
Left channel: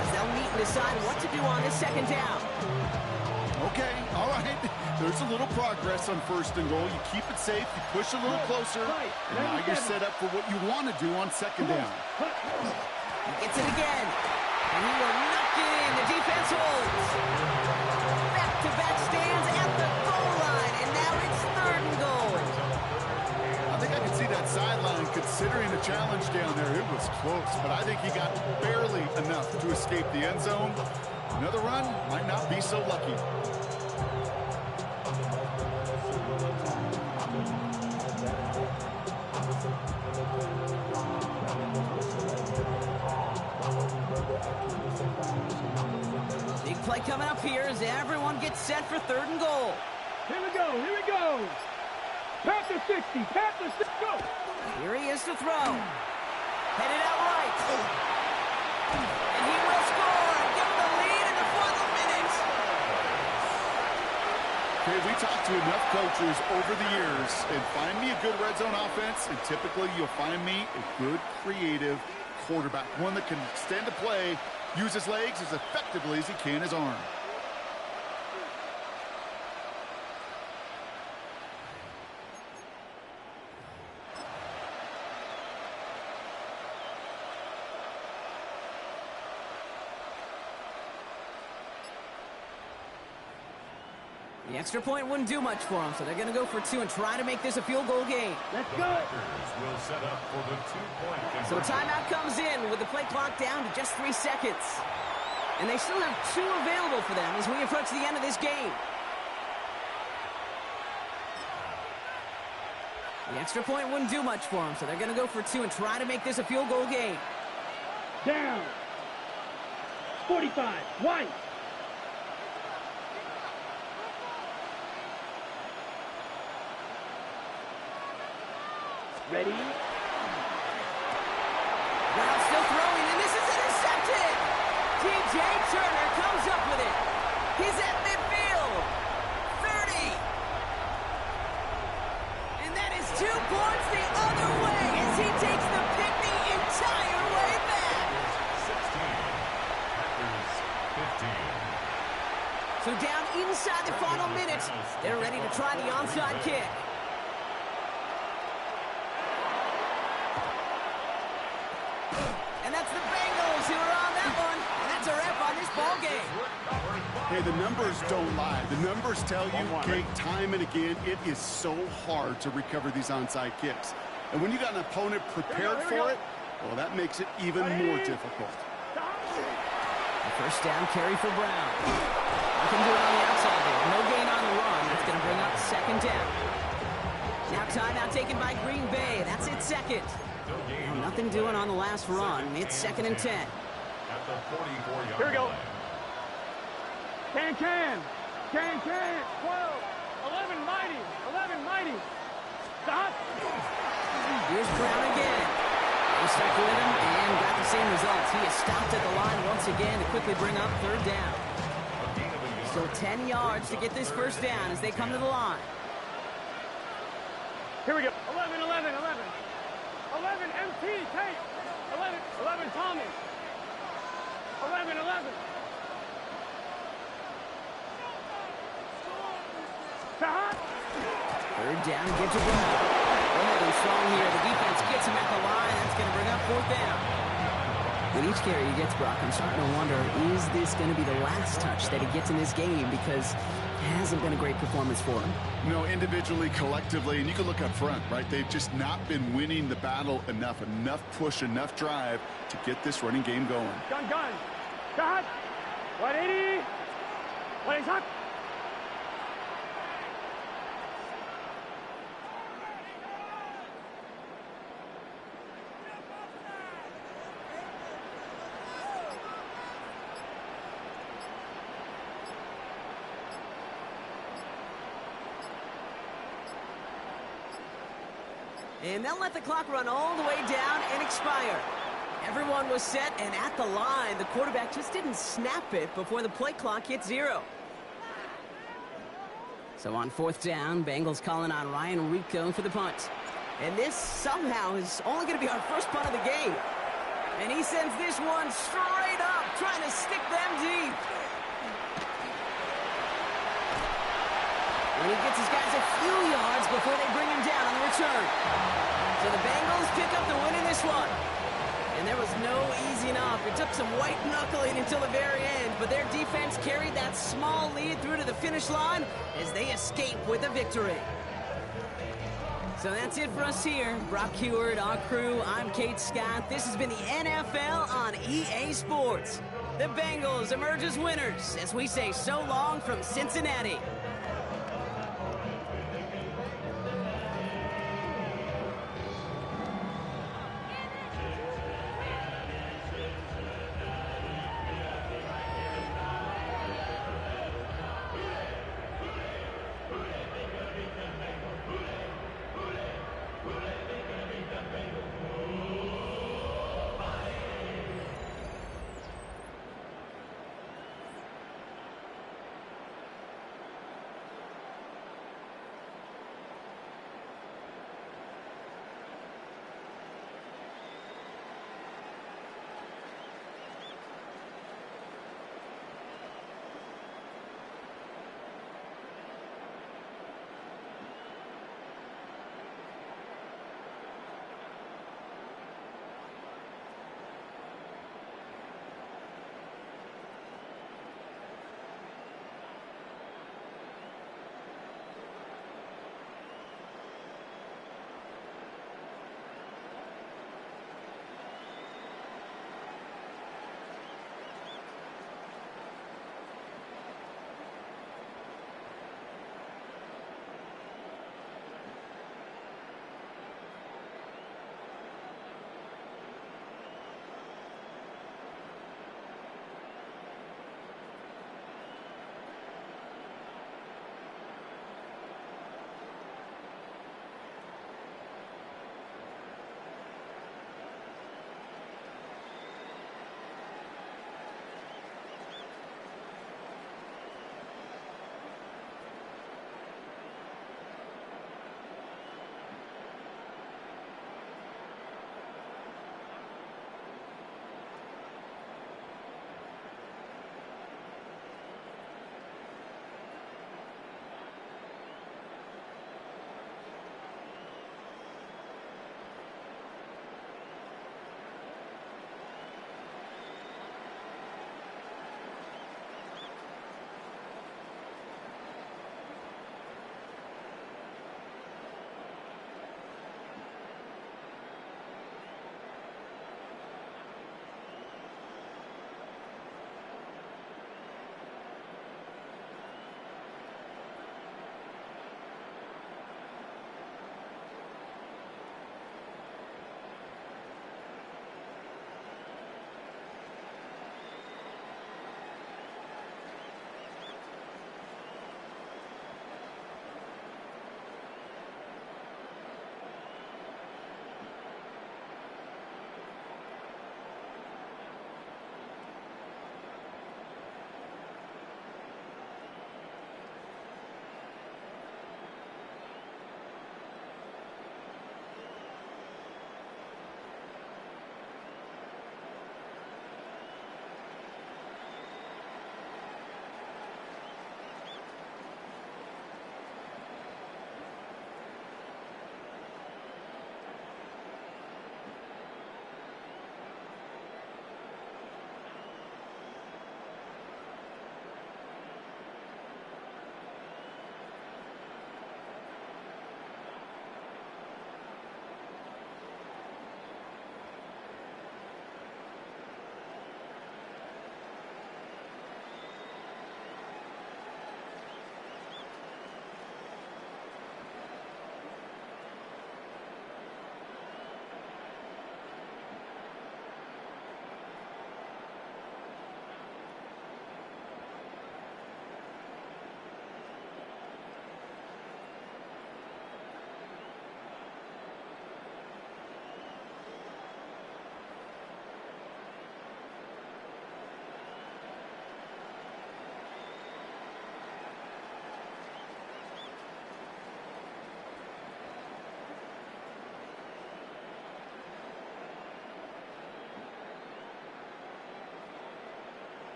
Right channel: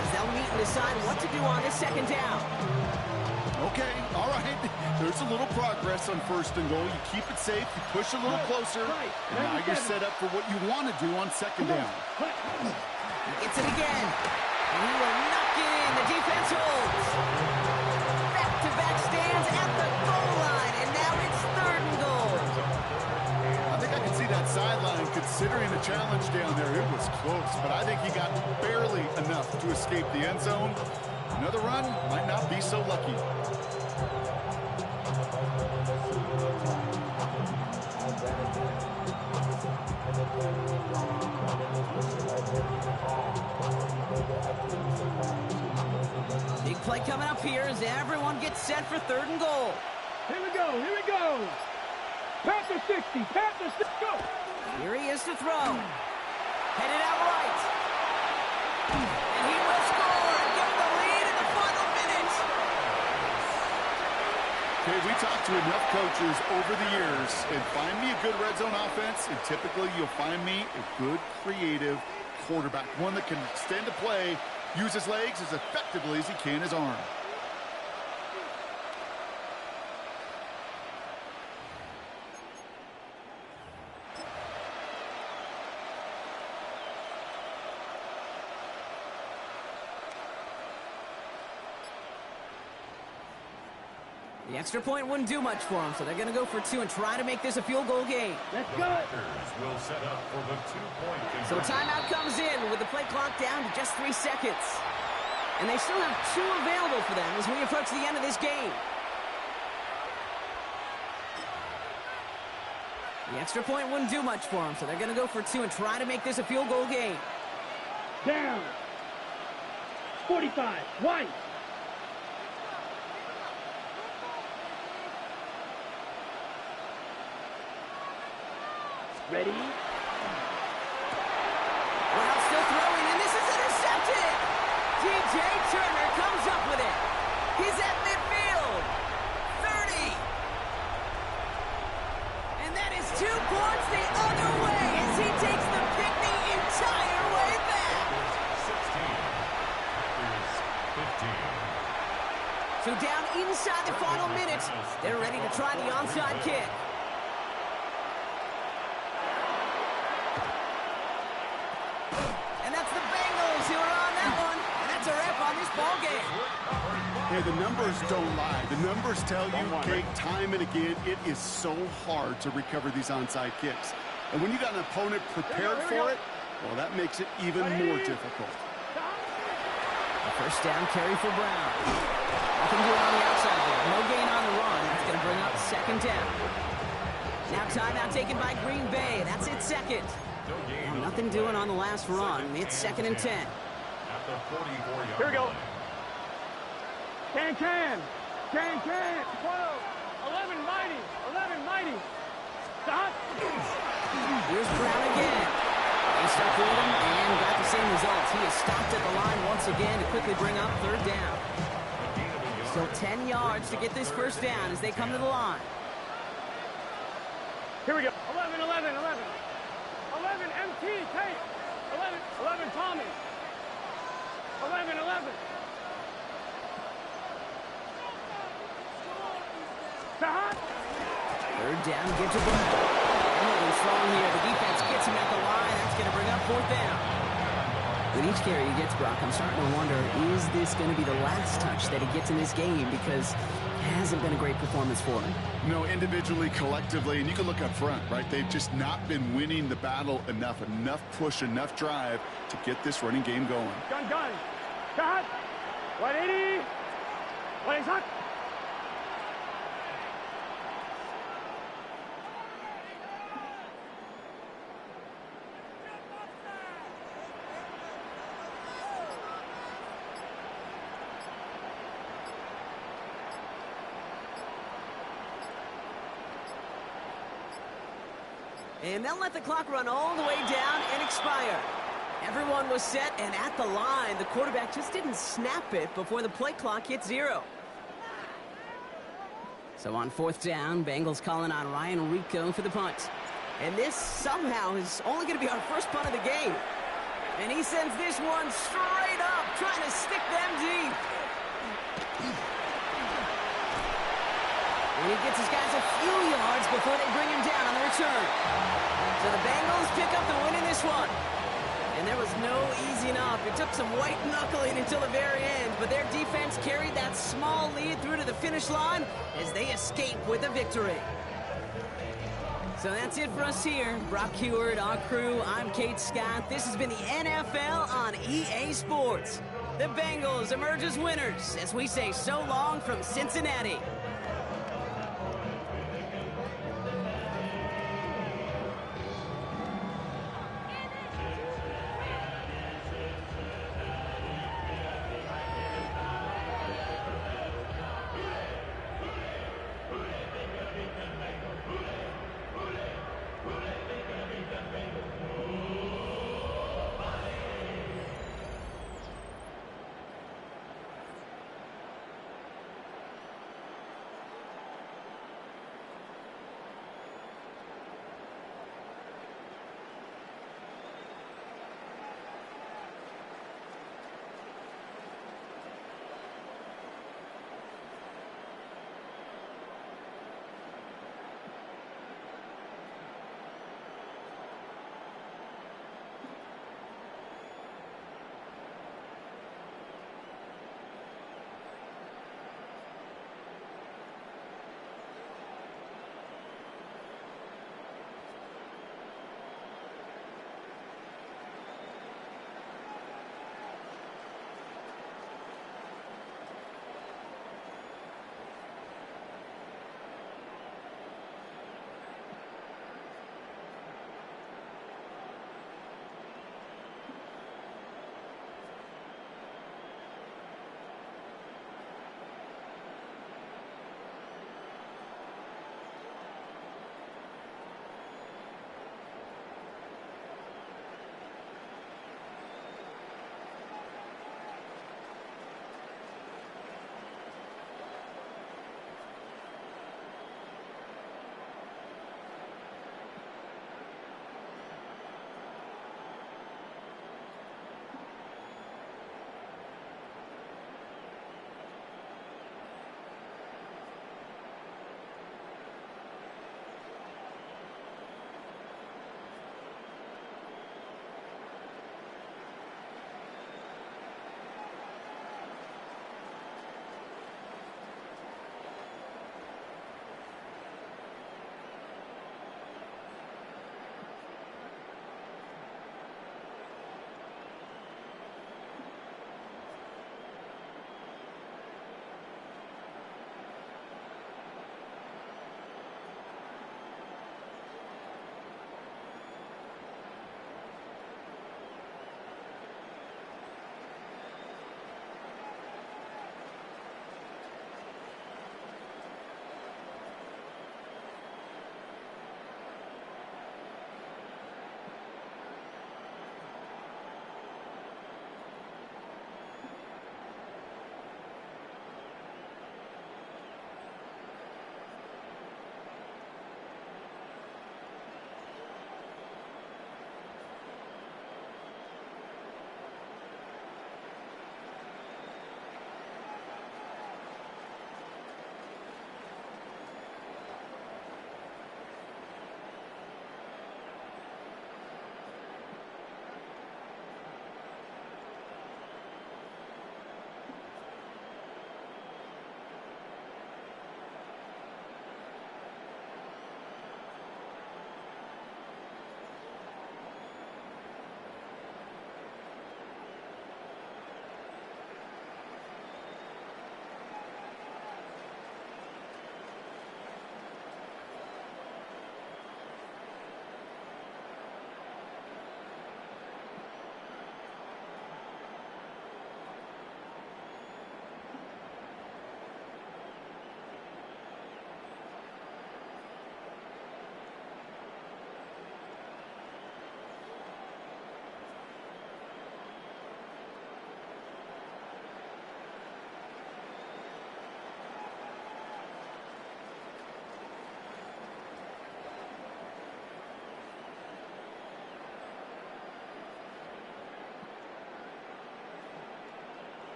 as they'll meet and decide what to do on this 2nd down. Okay, all right. There's a little progress on 1st and goal. You keep it safe, you push a little closer, and now you're set up for what you want to do on 2nd down. He gets it again, and he will knock it in. The defense holds. Back-to-back stands at the goal line, and now it's 3rd and goal. I think I can see that sideline considering the challenge down there. It was close, but I think he got barely enough to escape the end zone. Another run might not be so lucky. Big play coming up here as everyone gets set for 3rd and goal. Here we go. Here we go. Panther 60. Panther 60. Go. Here he is to throw. Headed out right. And he will score and give him the lead in the final minute. Okay, we talked to enough coaches over the years, and find me a good red zone offense, and typically you'll find me a good creative quarterback, one that can extend a play, use his legs as effectively as he can his arm. The extra point wouldn't do much for them, so they're going to go for 2 and try to make this a field goal game. Let's The go. Packers will set up for the 2-point So conversion. timeout comes in with the play clock down to just 3 seconds. And they still have 2 available for them as we approach the end of this game. The extra point wouldn't do much for them, so they're going to go for 2 and try to make this a field goal game. Down. 45. White. Ready? Well, still throwing, and this is intercepted! T.J. Turner comes up with it. He's at midfield. 30. And that is 2 points the other way as he takes the pick the entire way back. 16. Packers 15. So down inside the final minute, they're ready to try the onside kick. And that's the Bengals who are on that one. And that's a wrap on this ball game. Hey, the numbers don't lie. The numbers tell you, Kate, time and again, it is so hard to recover these onside kicks. And when you got an opponent prepared for it, well, that makes it even more difficult. A first down carry for Brown. Nothing doing on the outside there. No gain on the run. That's going to bring up second down. Now timeout taken by Green Bay. That's its second. Now, nothing doing on the last run. It's 2nd and 10. At the 44-yard Here we go. line. Can. 12. 11 mighty. 11 mighty. Stop. Here's Brown again. They stuck with him and got the same results. He is stopped at the line once again to quickly bring up third down. A gain of a yard. Still 10 yards to get this first down as they come to the line. Here we go. 11. 11 MT, Tate. 11 Tommy. 11. Sahat. Third down, get to Brown. They're holding strong here. The defense gets him at the line. That's going to bring up fourth down. With each carry he gets, Brock, I'm starting to wonder, is this going to be the last touch that he gets in this game? Because it hasn't been a great performance for him. No, individually, collectively, and you can look up front, right? They've just not been winning the battle enough push, enough drive to get this running game going. Gun. Sahat. 180. 180. And they'll let the clock run all the way down and expire. Everyone was set and at the line. The quarterback just didn't snap it before the play clock hit 0. So on fourth down, Bengals calling on Ryan Rico for the punt. And this somehow is only going to be our first punt of the game. And he sends this one straight up, trying to stick them deep. And he gets his guys a few yards before they bring him down on the return. So the Bengals pick up the win in this one. And there was no easing up. It took some white knuckling until the very end, but their defense carried that small lead through to the finish line as they escape with a victory. So that's it for us here. Brock Heward, our crew, I'm Kate Scott. This has been the NFL on EA Sports. The Bengals emerge as winners as we say so long from Cincinnati.